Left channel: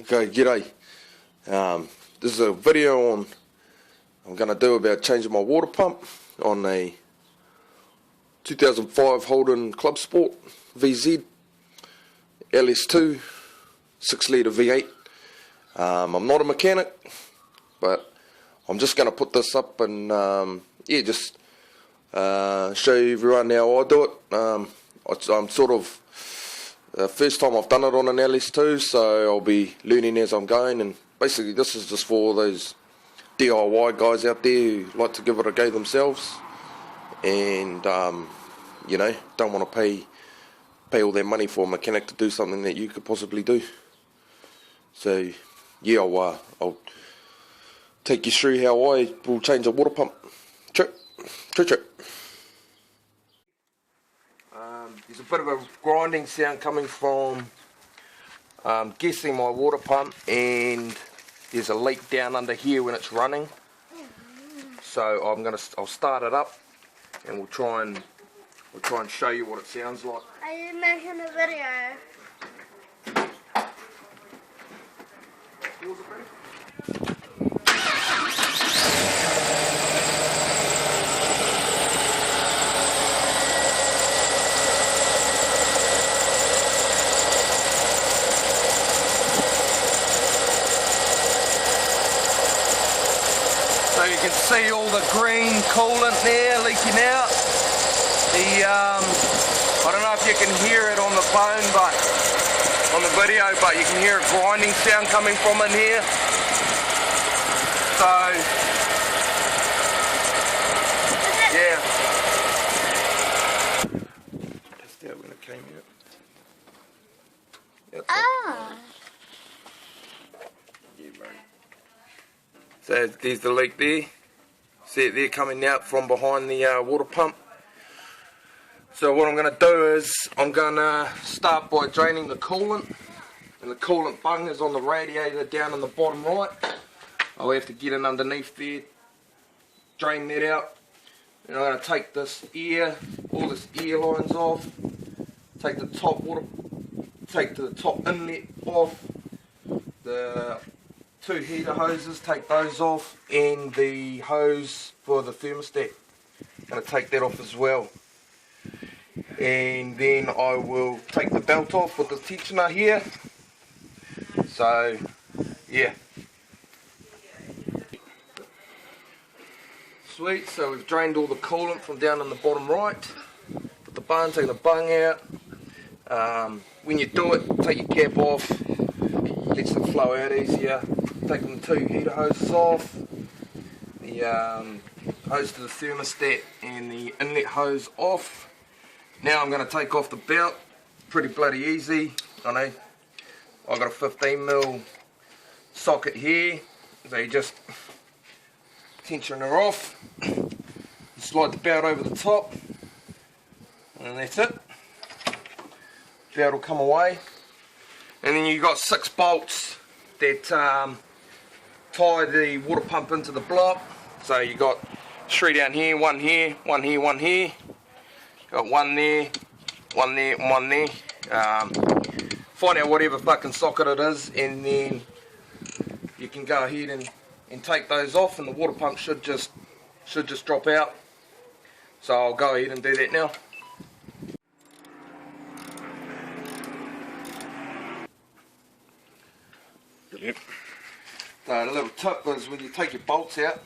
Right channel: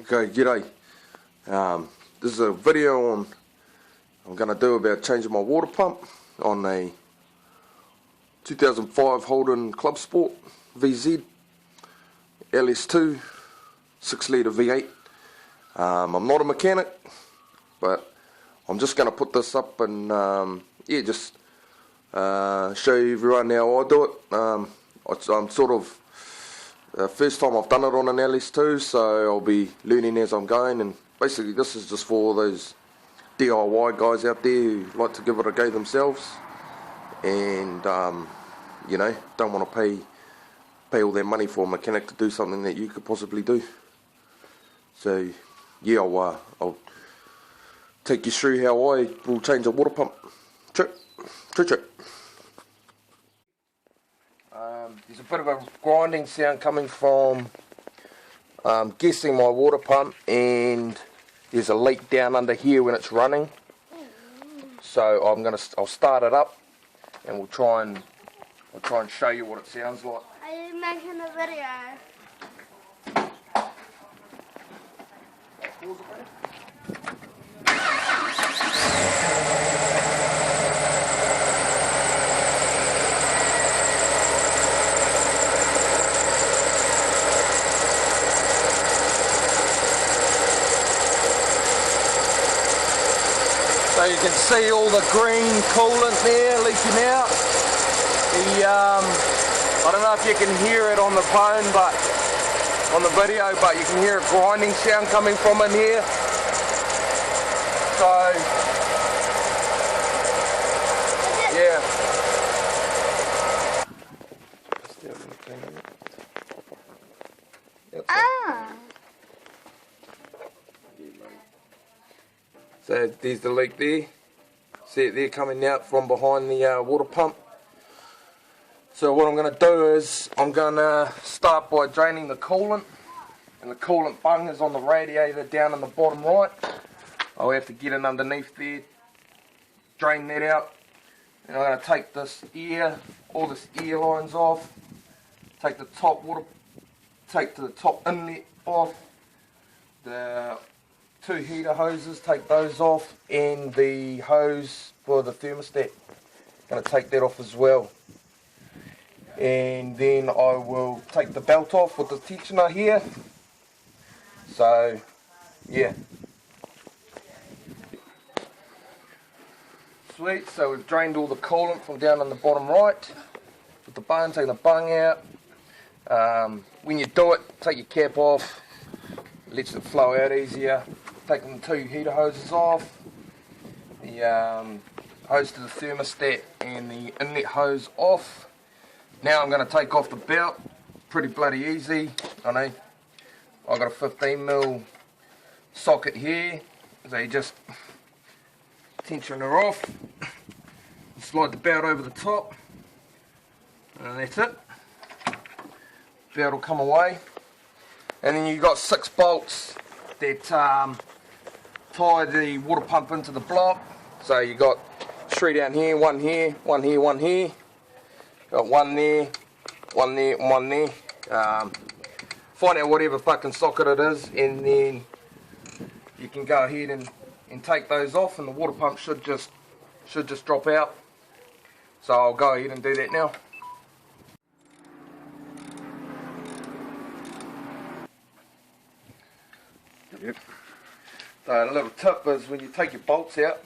Okay, g'day. This is a video I'm going to do about changing my water pump on a 2005 Holden Club Sport VZ ls2 6 litre V8. I'm not a mechanic, but I'm just going to put this up and just show everyone how I do it. I'm sort of first time I've done it on an ls2, so I'll be learning as I'm going, and basically this is just for those DIY guys out there who like to give it a go themselves and you know, don't want to pay all their money for a mechanic to do something that you could possibly do. So yeah, I'll take you through how I will change a water pump. Trip. There's a bit of a grinding sound coming from guessing my water pump, and there's a leak down under here when it's running. So I'll start it up, and we'll try and show you what it sounds like. I didn't mention a video. So you can see all the green coolant there leaking out. I don't know if you can hear it on the phone, but on the video, but you can hear a grinding sound coming from in here. So yeah. So there's the leak there. See it there coming out from behind the water pump. So what I'm going to do is I'm going to start by draining the coolant, and the coolant bung is on the radiator down in the bottom right. I'll have to get in underneath there, drain that out, and I'm going to take this all this air lines off, take the top inlet off, the 2 heater hoses, take those off, and the hose for the thermostat, I'm going to take that off as well. And then I will take the belt off with the tensioner here. So yeah, sweet. So we've drained all the coolant from down on the bottom right. Put the bung, taking the bung out. When you do it, take your cap off, lets it flow out easier. Taking the 2 heater hoses off, the hose to the thermostat and the inlet hose off. Now I'm going to take off the belt. Pretty bloody easy. I know I've got a 15mm socket here, so you just tension her off, slide the belt over the top, and that's it. Belt will come away, and then you've got 6 bolts that tie the water pump into the block. So you got 3 down here, 1 here, 1 here, 1 here. Got 1 there, 1 there, and 1 there. Find out whatever fucking socket it is, and then you can go ahead and take those off, and the water pump should just drop out. So I'll go ahead and do that now. Yep. So a little tip is when you take your bolts out,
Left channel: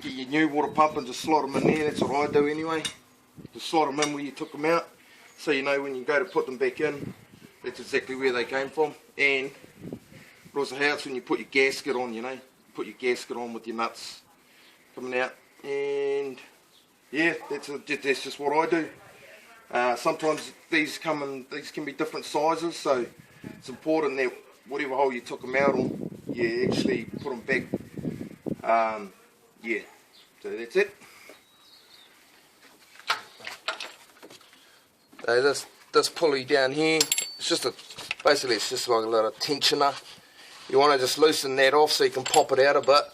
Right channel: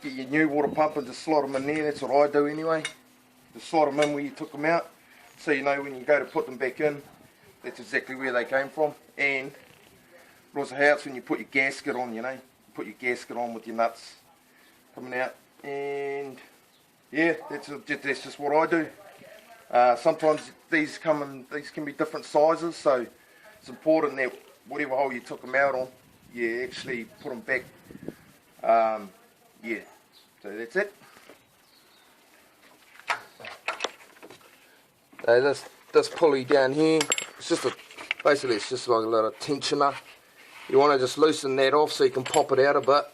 get your new water pump and just slot them in there. That's what I do anyway. Just slot them in where you took them out, so you know when you go to put them back in, that's exactly where they came from. And it also helps when you put your gasket on, you know, put your gasket on with your nuts coming out. And yeah, that's just what I do. Sometimes these can be different sizes, so it's important that whatever hole you took them out on, you actually put them back. Yeah, so that's it. So this pulley down here, basically it's just like a little tensioner. You want to just loosen that off so you can pop it out a bit.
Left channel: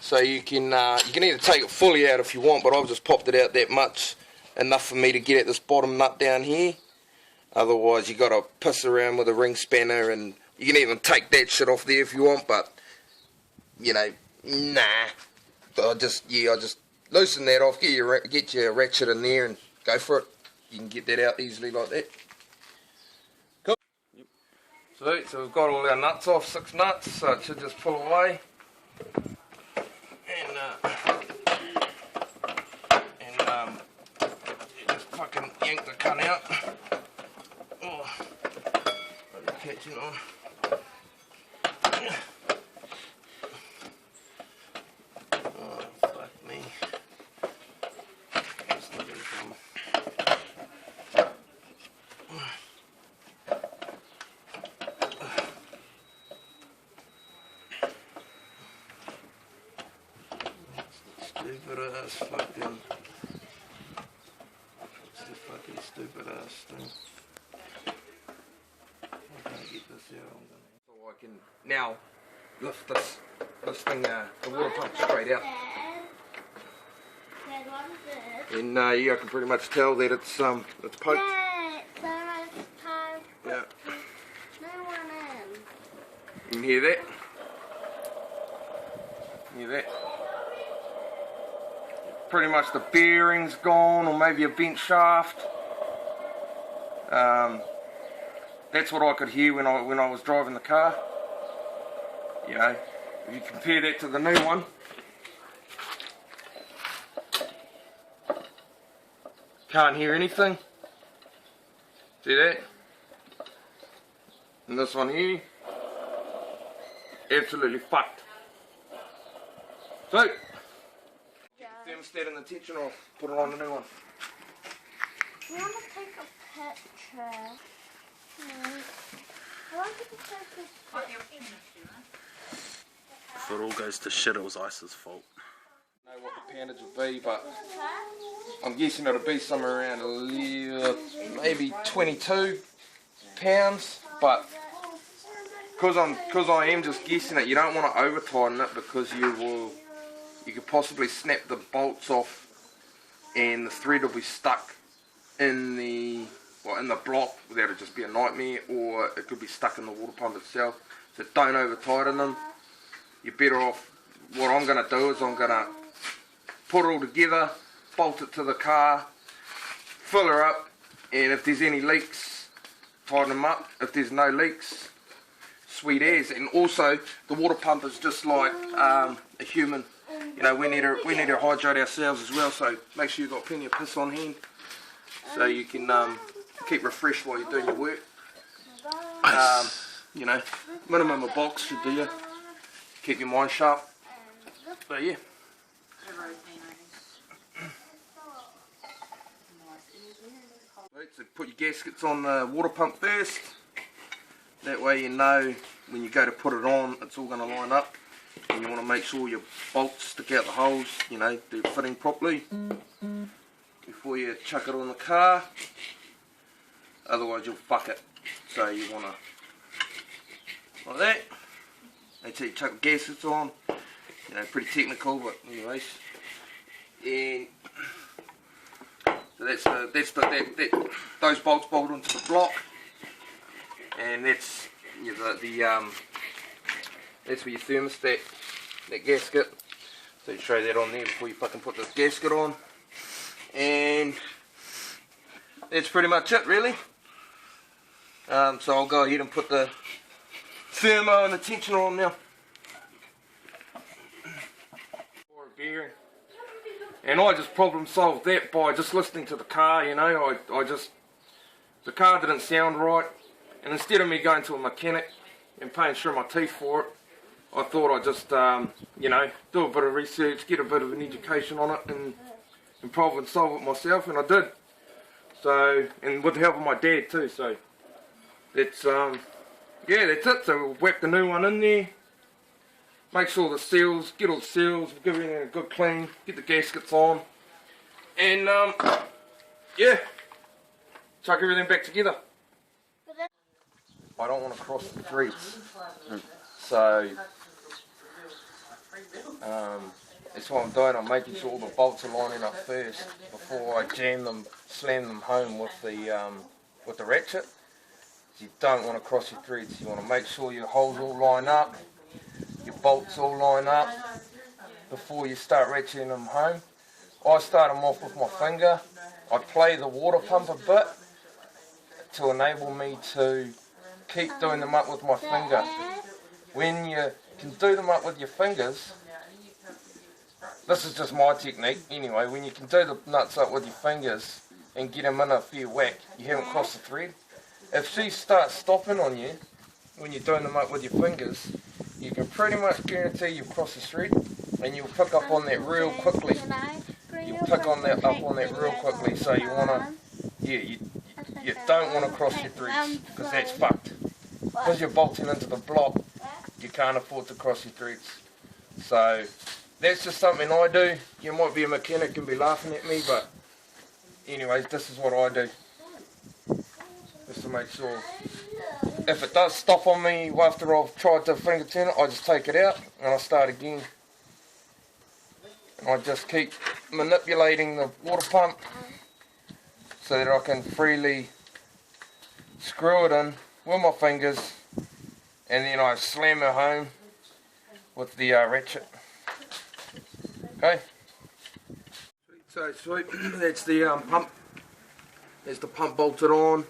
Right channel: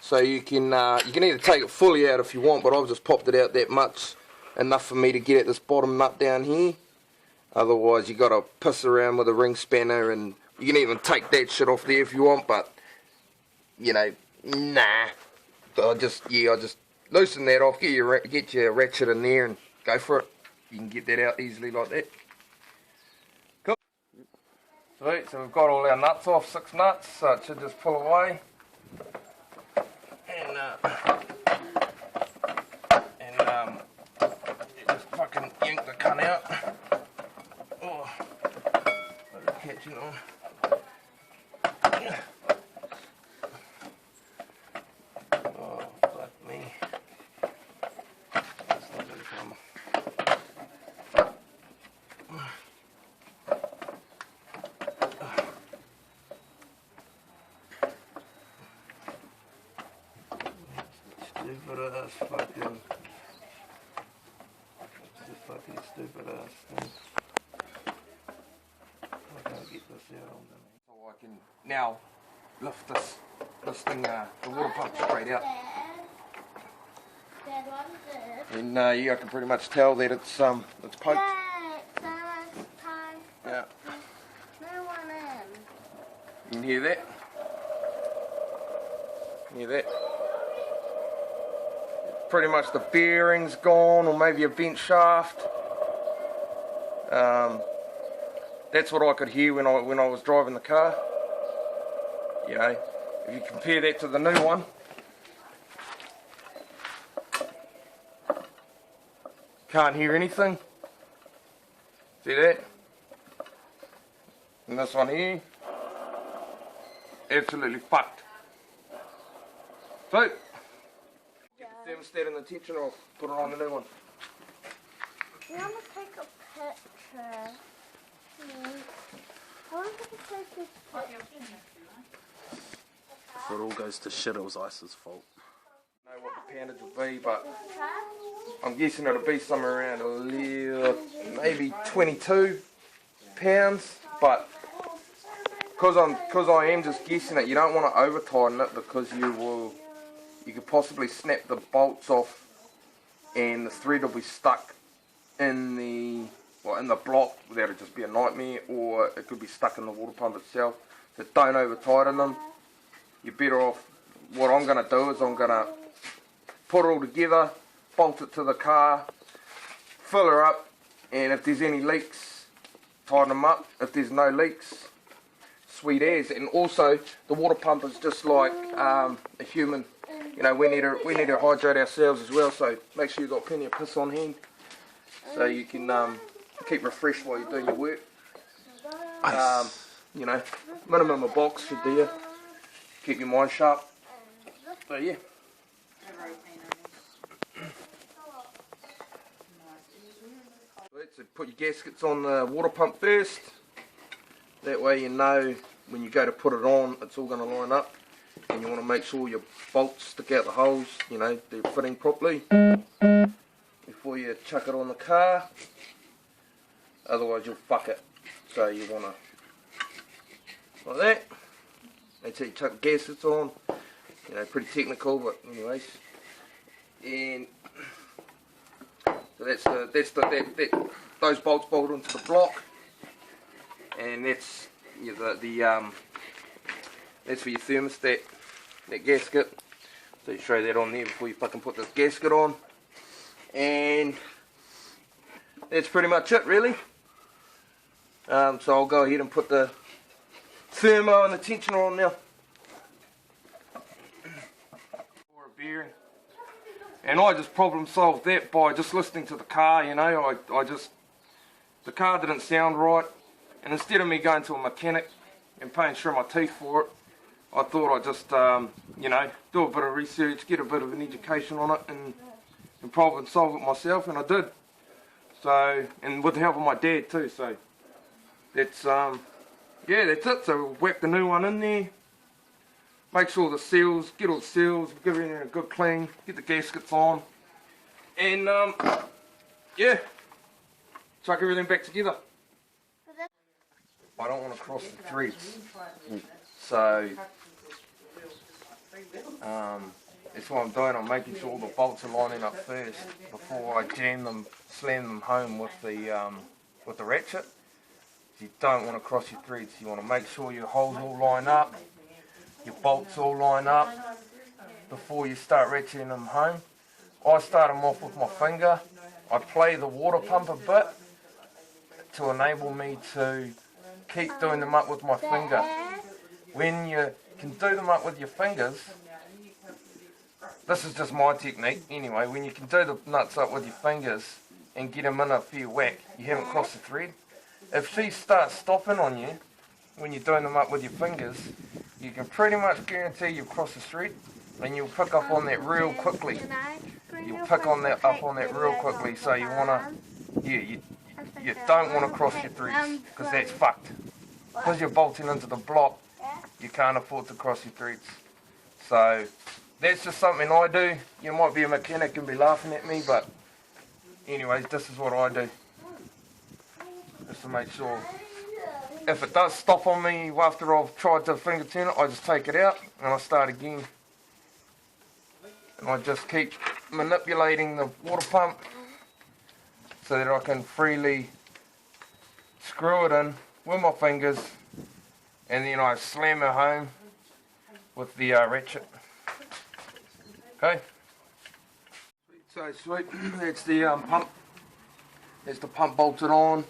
So you can either take it fully out if you want, but I've just popped it out that much, enough for me to get at this bottom nut down here. Otherwise you got to piss around with a ring spanner and You can even take that shit off there if you want, but you know, nah. I just loosen that off, get your ratchet in there and go for it. You can get that out easily like that. Cool. Sweet, so we've got all our nuts off, 6 nuts, so it should just pull away. And just fucking yank the cunt out. Oh, catching on. Oh, fuck me. It's not gonna come. Stupid ass fucking. It's the fucking stupid ass thing. I can't get this out. So I can now lift this thing, the water pump straight out. Dad, what is this? And yeah, I can pretty much tell that it's poked. Dad, so it's time to Yeah. put the new one in. You can hear that? Hear that? Pretty much the bearing's gone, or maybe a bent shaft. That's what I could hear when I was driving the car. You know, if you compare that to the new one, can't hear anything. See that? And this one here, absolutely fucked. So, thermostat and the tension off, put it on the new one. You want to take a picture? I want to take this picture. If it all goes to shit, it was Ice's fault. I don't know what the poundage will be, but I'm guessing it'll be somewhere around maybe 22 pounds. But because I am just guessing it, you don't want to over tighten it because you could possibly snap the bolts off, and the thread will be stuck in the block. That'll just be a nightmare, or it could be stuck in the water pump itself. So don't over tighten them. You're better off. What I'm going to do is I'm going to put it all together, bolt it to the car, fill her up, and if there's any leaks, tighten them up. If there's no leaks, sweet as. And also, the water pump is just like a human. You know, we need to hydrate ourselves as well. So make sure you've got plenty of piss on hand, so you can keep refreshed while you're doing your work. You know, minimum a box should do you. Keep your mind sharp. So yeah. So put your gaskets on the water pump first. That way you know when you go to put it on, it's all going to line up. And you want to make sure your bolts stick out the holes, you know, they're fitting properly before you chuck it on the car. Otherwise you'll fuck it. So you want to, like that. Make sure you chuck the gaskets on. You know, pretty technical, but anyways. And so those bolts bolt onto the block, and that's that's for your thermostat, that gasket. So you throw that on there before you fucking put the gasket on, and that's pretty much it really. So I'll go ahead and put the thermo and the tensioner on now. For a bearing. And I just problem solved that by just listening to the car, you know. The car didn't sound right, and instead of me going to a mechanic and paying through my teeth for it, I thought I'd just, you know, do a bit of research, get a bit of an education on it, and problem solve it myself, and I did. So, and with the help of my dad too, so that's, yeah, that's it. So we'll whack the new one in there, make sure the seals, get all the seals, give everything a good clean, get the gaskets on, and yeah, chuck everything back together. I don't want to cross the threads, so that's what I'm doing. I'm making sure all the bolts are lining up first before I slam them home with the ratchet. You don't want to cross your threads. You want to make sure your holes all line up, your bolts all line up before you start ratcheting them home. I start them off with my finger. I play the water pump a bit to enable me to keep doing them up with my finger. When you can do them up with your fingers, this is just my technique anyway, when you can do the nuts up with your fingers and get them in a fair whack, you haven't crossed the thread. If she starts stopping on you when you're doing them up with your fingers, you can pretty much guarantee you've crossed the thread, and you'll pick up on that real quickly. You'll pick on that up on that real quickly, so you wanna, you don't want to cross your threads, because that's fucked. Because you're bolting into the block, you can't afford to cross your threads. So that's just something I do. You might be a mechanic and be laughing at me, but anyways, this is what I do. Just to make sure. If it does stop on me after I've tried to finger turn it, I just take it out and I start again. And I just keep manipulating the water pump so that I can freely screw it in with my fingers, and then I slam her home with the ratchet. Okay? So sweet, that's the pump. There's the pump bolted on.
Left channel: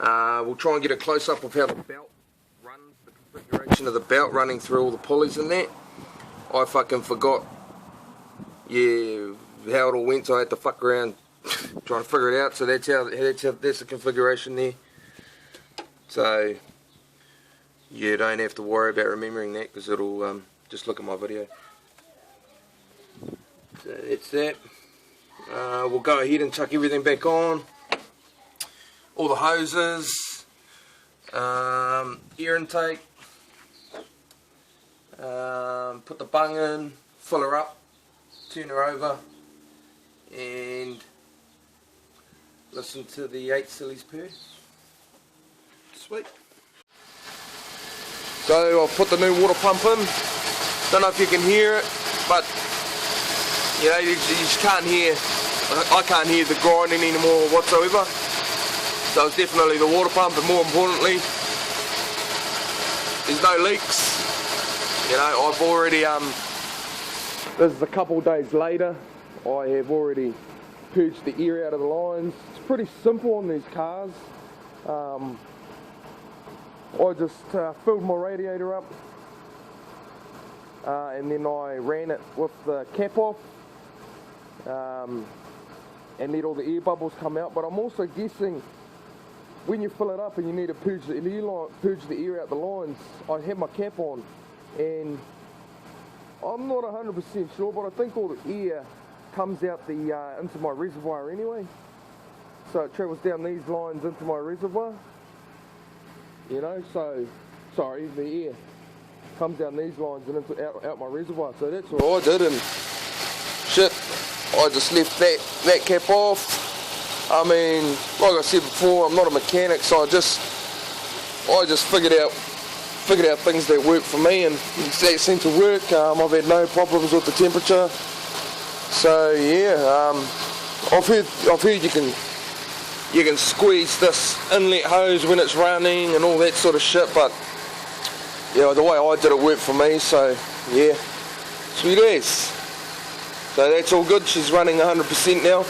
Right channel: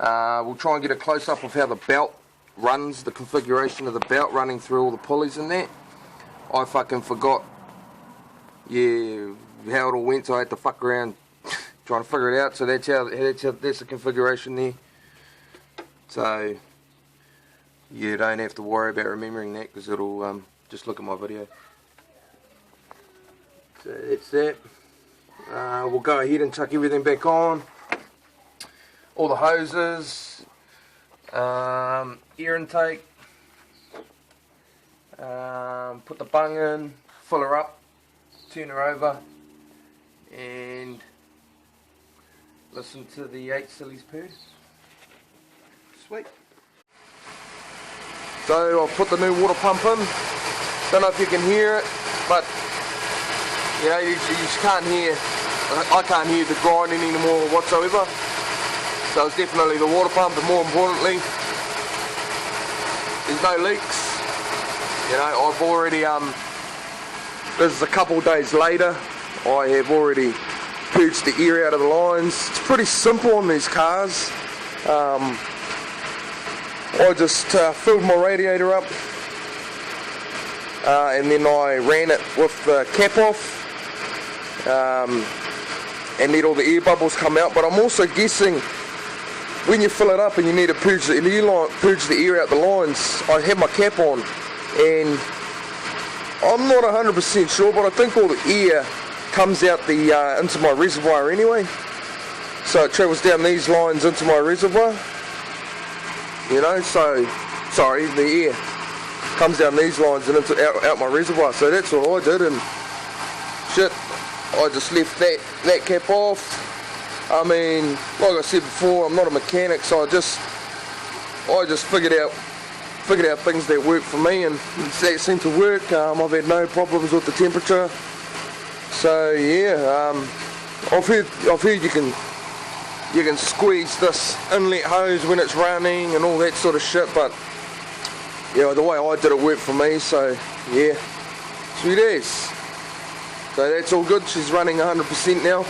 We'll try and get a close-up of how the belt runs, the configuration of the belt running through all the pulleys and that. I fucking forgot, how it all went, so I had to fuck around trying to figure it out. So that's the configuration there. So you don't have to worry about remembering that, because it'll just look at my video. So that's that. We'll go ahead and chuck everything back on. All the hoses, air intake, put the bung in, fill her up, turn her over, and listen to the 8 sillies purr. Sweet. So I've put the new water pump in. Don't know if you can hear it, but you know, you just can't hear. I can't hear the grinding anymore whatsoever. So it's definitely the water pump, and more importantly, there's no leaks. You know, I've already, this is a couple days later, I have already purged the air out of the lines. It's pretty simple on these cars. I just filled my radiator up, and then I ran it with the cap off, and let all the air bubbles come out. But I'm also guessing, when you fill it up and you need to purge the air out the lines, I have my cap on, and I'm not 100% sure, but I think all the air comes out into my reservoir anyway. So it travels down these lines into my reservoir. You know, so, sorry, the air comes down these lines and out my reservoir. So that's what I did, and shit, I just left that cap off. I mean, like I said before, I'm not a mechanic, so I just figured out things that work for me, and that seemed to work. I've had no problems with the temperature. So yeah, I've heard you can squeeze this inlet hose when it's running and all that sort of shit, but yeah, the way I did it worked for me. So yeah, sweet as. So that's all good. She's running 100% now.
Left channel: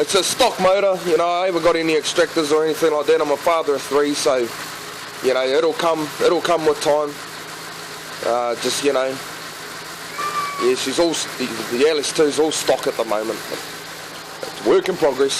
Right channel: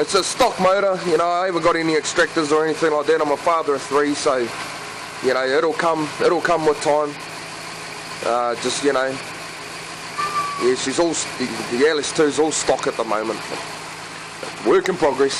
It's a stock motor, you know. I haven't got any extractors or anything like that. I'm a father of 3, so you know, it'll come with time. Just, you know, yeah, she's all, the ls2's all stock at the moment. It's a work in progress.